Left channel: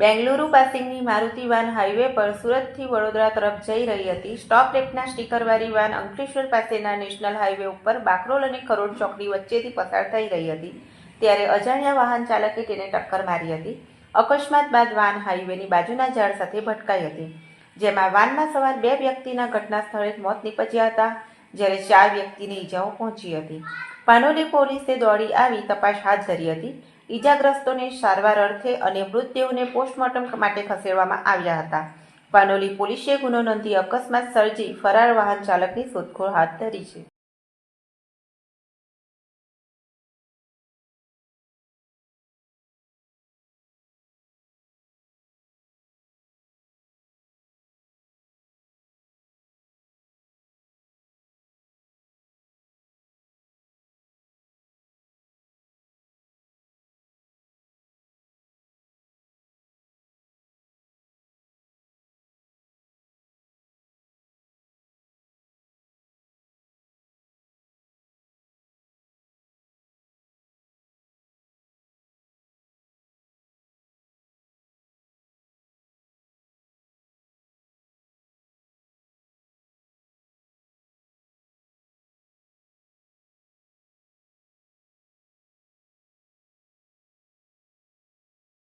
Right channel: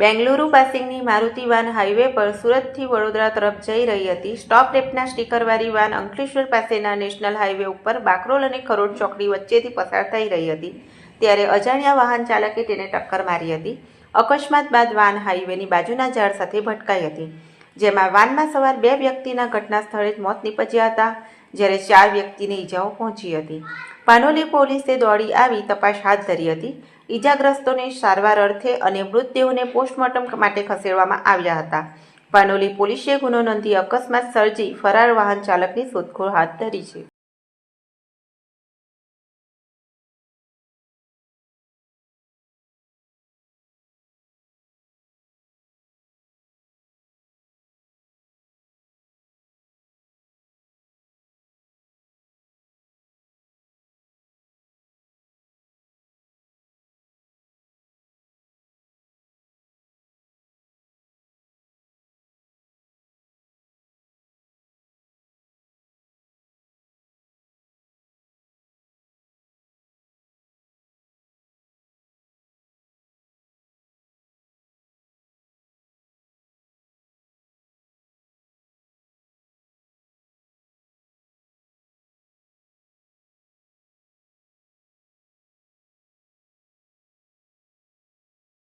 બેંગલુરુ પાસિંગની Maruti van highway પર સુરતથી વડોદરા તરફ જઈ રહી હતી. સ્ટોપ રેપના સ્ટીકરવાળી વાન અંકલેશ્વર પાસેના નેશનલ હાઈવે ઉપર બાકરોલ અને ખરોડ ચોકડી વચ્ચેથી પસાર થઈ રહી હતી. ત્યારે અજાણ્યા વાહન ચાલકે તેને ટક્કર મારી હતી. અકસ્માત બાદ વાન હાઈવેની બાજુના ઝાડ સાથે ભટકાઈ હતી. જેમાં વાનમાં સવાર બે વ્યક્તિના ઘટના સ્થળે જ મોત નીપજ્યા હતા. જ્યારે ચાર વ્યક્તિને ઈજાઓ પહોંચી હતી. પાનોલી પોલીસે દોડી આવી તપાસ હાથ ધરી હતી. ઈજાગ્રસ્તોને સારવાર અર્થે અને મૃતદેહોને પોસ્ટમોર્ટમ માટે ખસેડવામાં આવ્યા હતા. પાનોલી પોલીસે ગુનો નોંધી અકસ્માત સર્જી ફરાર વાહન ચાલકની શોધખોળ હાથ ધરી છે.